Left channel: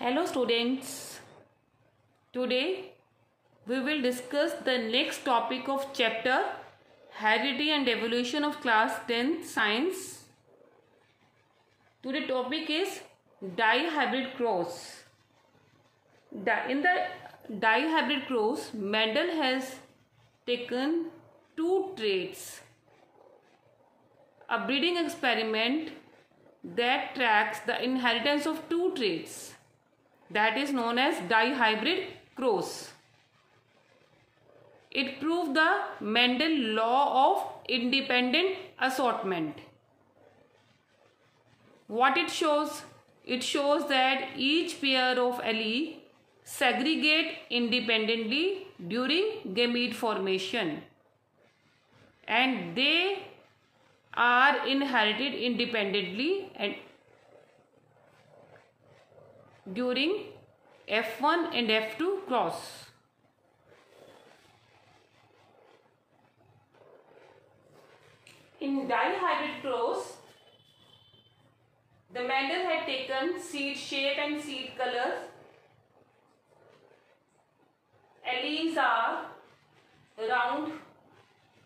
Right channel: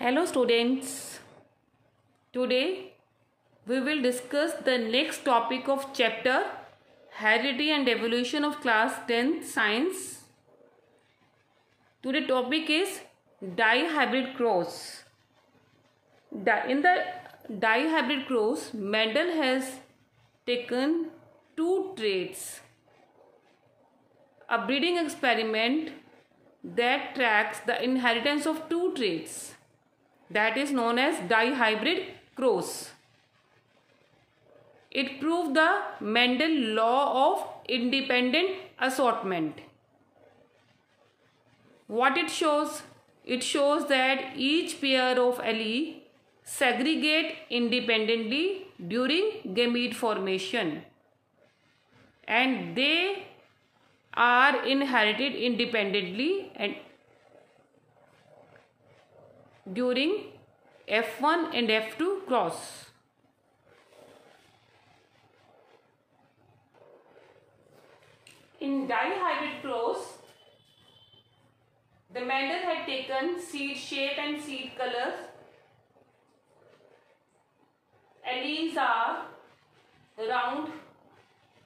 Hello students, today we will discuss the next topic of chapter Heredity and Evolution of class 10th Science. Today topic is dihybrid cross. In the dihybrid cross, Mendel has taken two traits. A breeding experiment that tracks the inheritance of two traits, that is known as dihybrid cross. It proved the Mendel law of independent assortment. What it shows? It shows that each pair of allele segregate independently during gamete formation and they are inherited independently and during F1 and F2 cross. In dihybrid cross, the Mendel had taken seed shape and seed color. Alleles are round,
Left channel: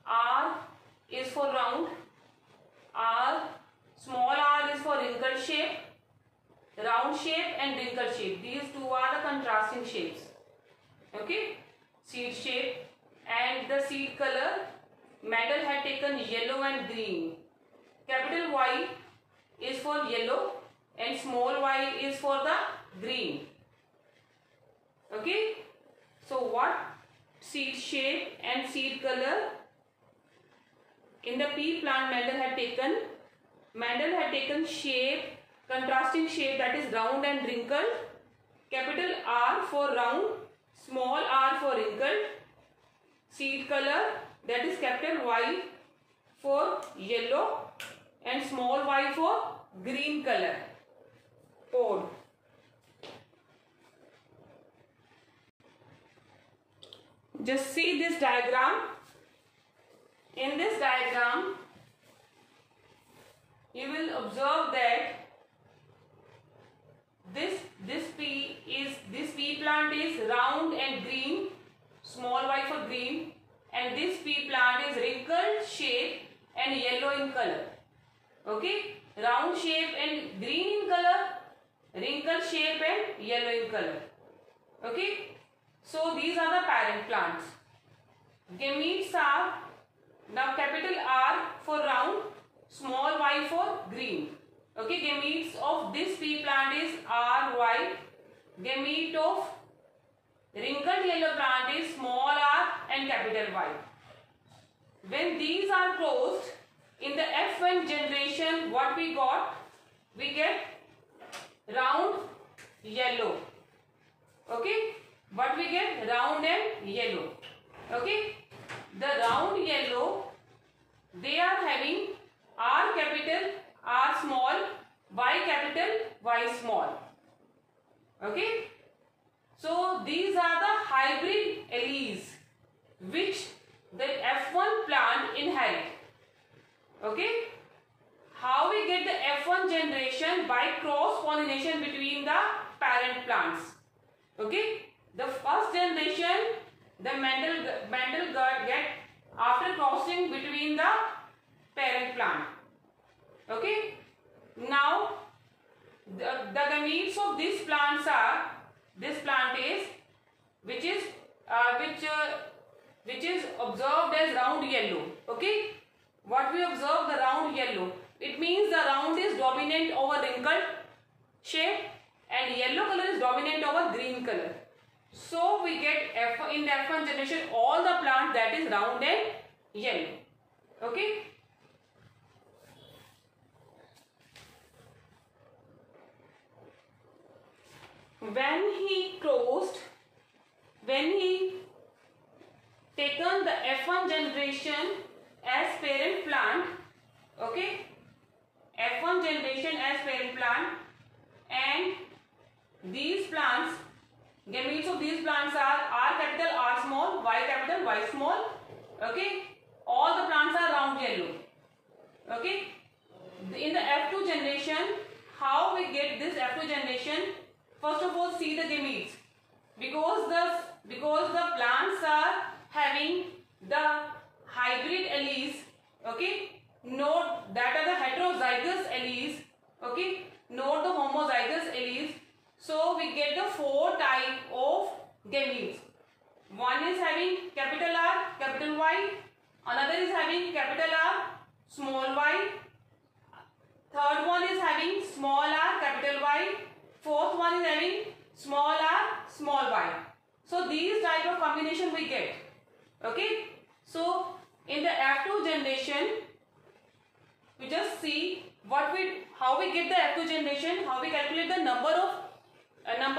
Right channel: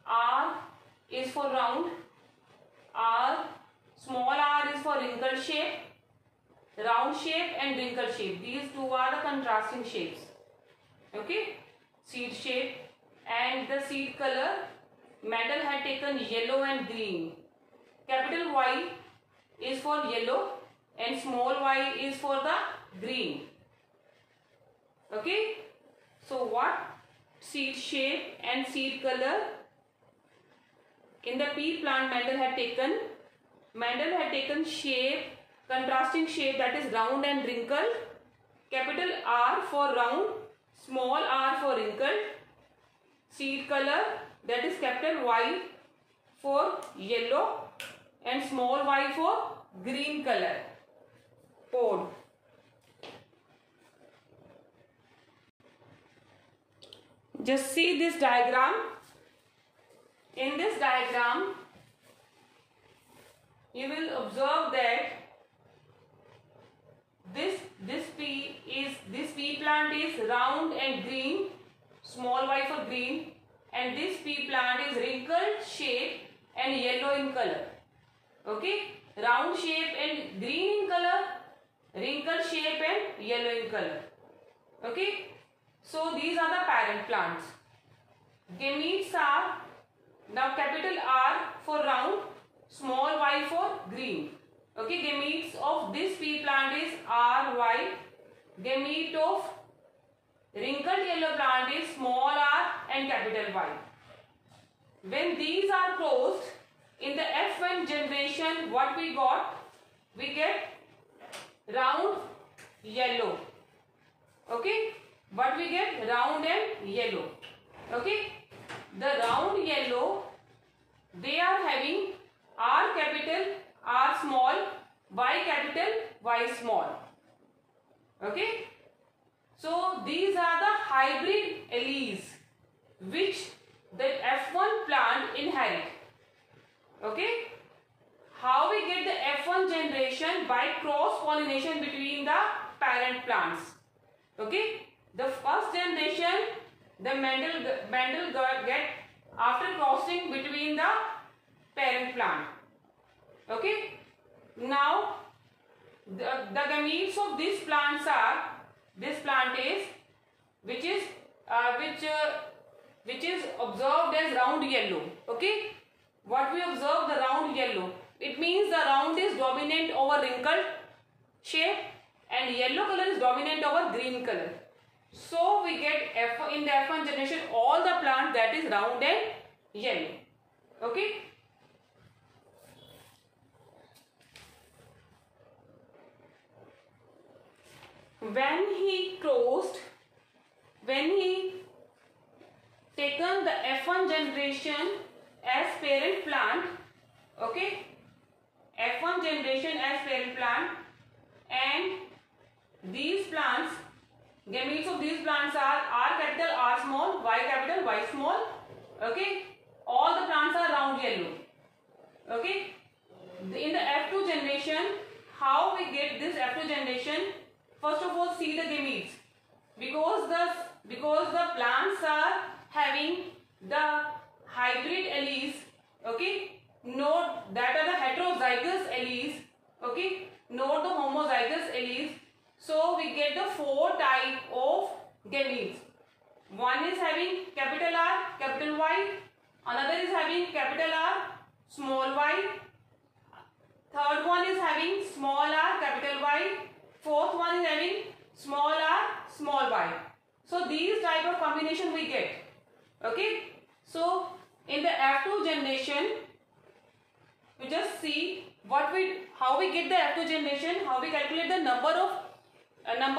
R is for round, small r is for wrinkle shape, round shape and wrinkle shape. These two are the contrasting shapes. Okay, seed shape and the seed color. Mendel had taken yellow and green. Capital Y is for yellow and small y is for the green. Okay, so what seed shape and seed color in the pea plant Mendel had taken? Mendel had taken shape, contrasting shape, that is round and wrinkled. Capital R for round, small r for wrinkled. Seed color, that is capital Y for yellow and small y for green color. Pod. Just see this diagram. In this diagram, you will observe that this pea plant is round and green, small y for green, and this pea plant is wrinkled shape and yellow in color. Okay, round shape and green in color, wrinkled shape and yellow in color. Okay, so these are the parent plants. Gametes are now capital R for round, small y for green. Okay, gametes of this pea plant is R, Y. Gamete of wrinkled yellow plant is small r and capital Y. When these are closed, in the F1 generation, what we got? We get round yellow. Okay, what we get? Round and yellow. Okay, the round yellow, they are having R capital, R small, Y capital, Y small. Okay, so these are the hybrid alleles which the F1 plant inherit. Okay, how we get the F1 generation? By cross pollination between the parent plants. Okay, the first generation the Mendel get after crossing between the parent plant. Okay, now the gametes of these plants are, this plant is which is observed as round yellow. Okay, what we observe, the round yellow, it means the round is dominant over wrinkled shape and yellow color is dominant over green color. So we get in the F1 generation all the plants that is round and yellow. Okay, when he taken the F1 generation as parent plant, okay, F1 generation as parent plant, and these plants, gametes of these plants are R capital, R small, Y capital, Y small. Okay, all the plants are round yellow. Okay, in the F2 generation, how we get this F2 generation? first of all see the gametes. Because the plants are having the hybrid alleles, okay, note that are the heterozygous alleles, okay, note the homozygous alleles. So we get the 4 type of gametes. One is having capital R, capital Y, another is having capital R, small y, third one is having small r, capital Y, fourth one is having small r, small y. So these type of combination we get. Okay. So in the F2 generation, we just see how we get the F2 generation, how we calculate the number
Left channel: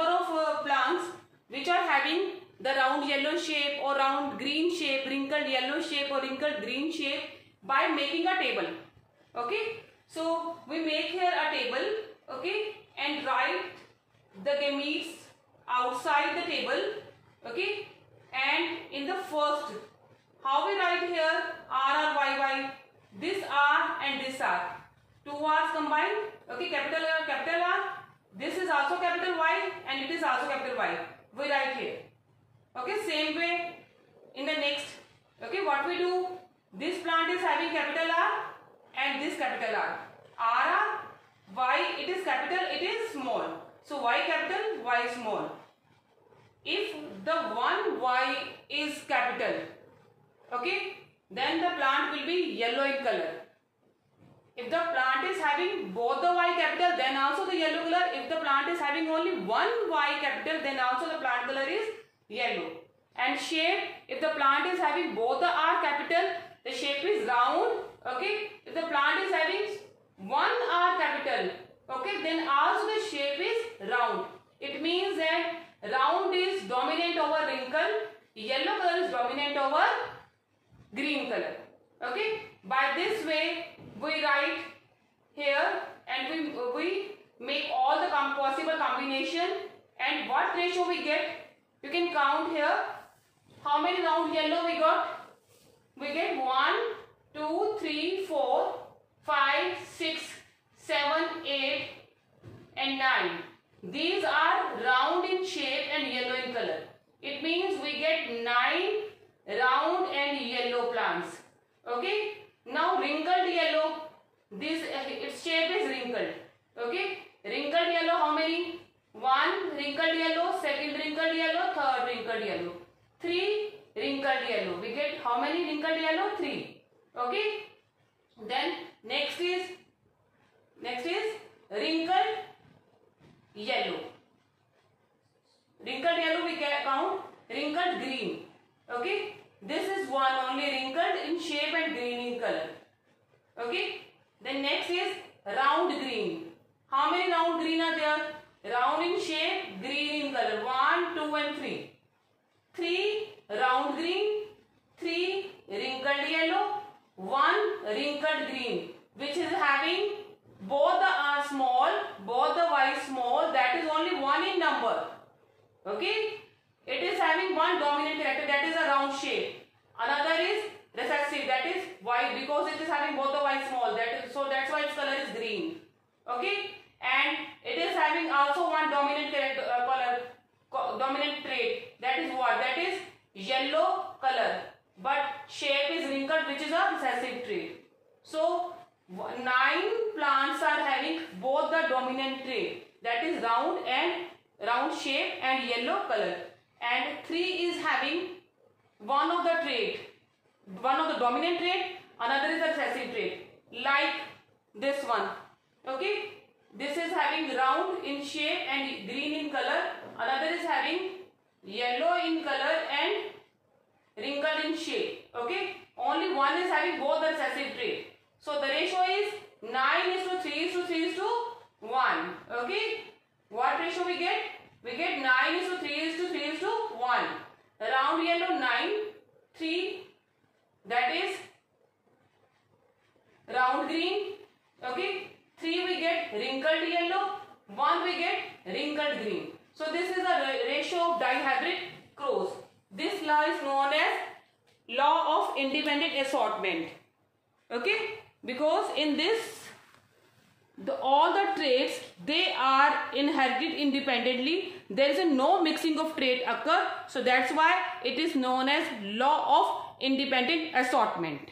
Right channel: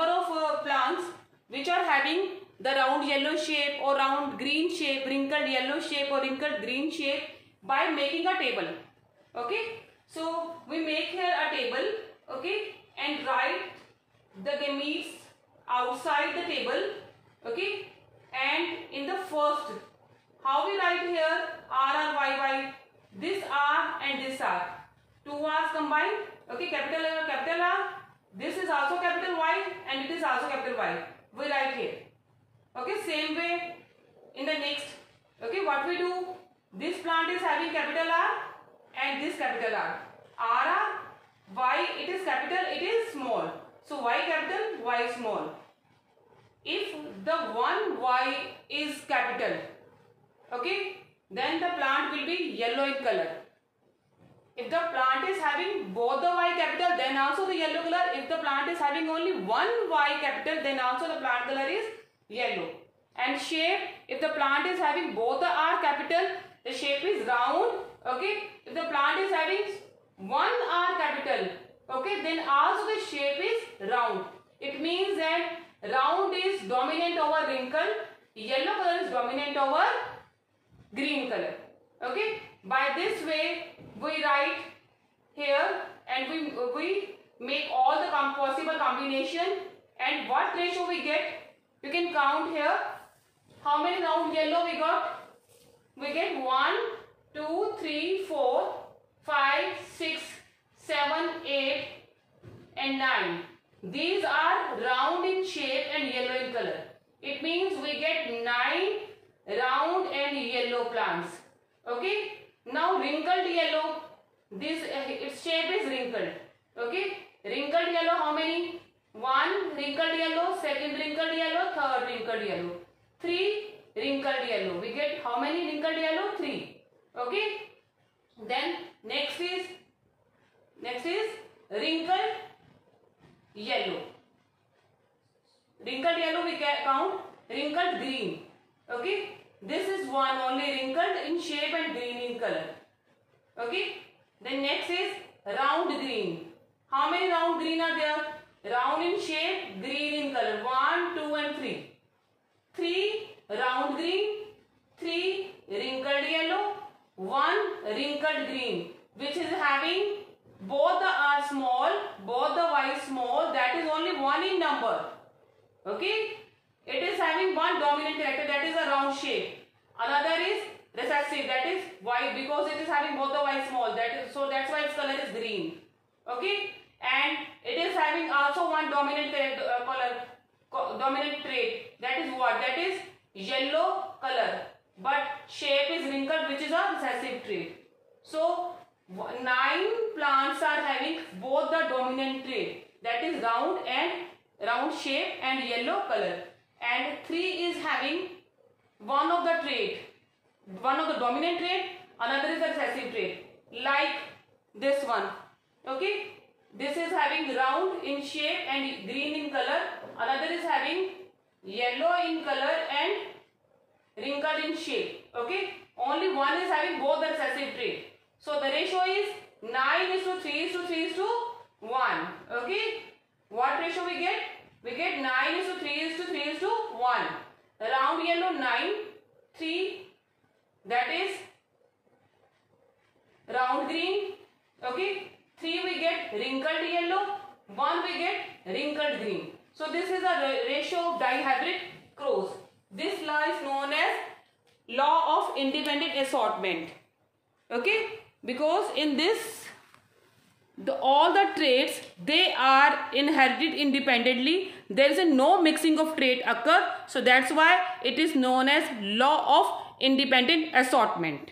of plants which are having the round yellow shape or round green shape, wrinkled yellow shape or wrinkled green shape by making a table. Okay. So we make here a table, okay, and write the gametes outside the table, okay, and in the first, how we write here R, Y, this R and this R, 2 R's combined, okay, capital R, this is also capital Y and it is also capital Y, we write here, okay. Same way in the next, okay, what we do, this plant is having capital R and this capital R, Y, it is capital, it is small, so Y capital, Y small. If the one Y is capital, okay, then the plant will be yellow in color. If the plant is having both the Y capital, then also the yellow color. If the plant is having only one Y capital, then also the plant color is yellow. And shape, if the plant is having both the R capital, the shape is round, okay. If the plant is having one R capital, okay, then also the shape is round. It means that round is dominant over wrinkle, yellow color is dominant over green color, okay. By this way we write here and we make all the possible combination, and what ratio we get, you can count here. How many round yellow we got? We get 1, 2, 3, 4, 5, 6, 7, 8 and 9. These are round in shape and yellow in color. It means we get 9 round and yellow plants. Okay. Now wrinkled yellow, this its shape is wrinkled. Okay. Wrinkled yellow, how many? 1 wrinkled yellow, second wrinkled yellow, third wrinkled yellow, 3 wrinkled yellow. We get how many wrinkled yellow? 3. Okay. Then next is wrinkled yellow. Wrinkled yellow we can count. Wrinkled green. Okay. This is one only wrinkled in shape and green in color. Okay. Then next is round green. How many round green are there? Round in shape, green in color. 1, 2 and 3. 3 round green, 3 wrinkled yellow, 1 wrinkled green, which is having both the R small, both the Y small, that is only 1 in number. Okay. It is having one dominant character, that is a round shape. Another is recessive, that is Y, because it is having both the Y small, so that's why its color is green. Okay. And it is having also one dominant dominant trait, that is what? That is yellow color, but shape is wrinkled, which is a recessive trait. So 9 plants are having both the dominant trait, that is round shape and yellow color, and 3 is having one of the dominant trait, another is a recessive trait, like this one. Okay. This is having round in shape and green in color, another is having yellow in color and wrinkled in shape. Okay. Only one is having both the recessive trait. So the ratio is 9:3:3:1. Okay. What ratio we get? We get 9:3:3:1. Round yellow 9, 3, that is round green. Okay. 3 we get wrinkled yellow, 1 we get wrinkled green. So this is a ratio of dihybrid cross. This law is known as law of independent assortment. Okay. Because in this all the traits, they are inherited independently. There is no mixing of trait occur. So that's why it is known as law of independent assortment.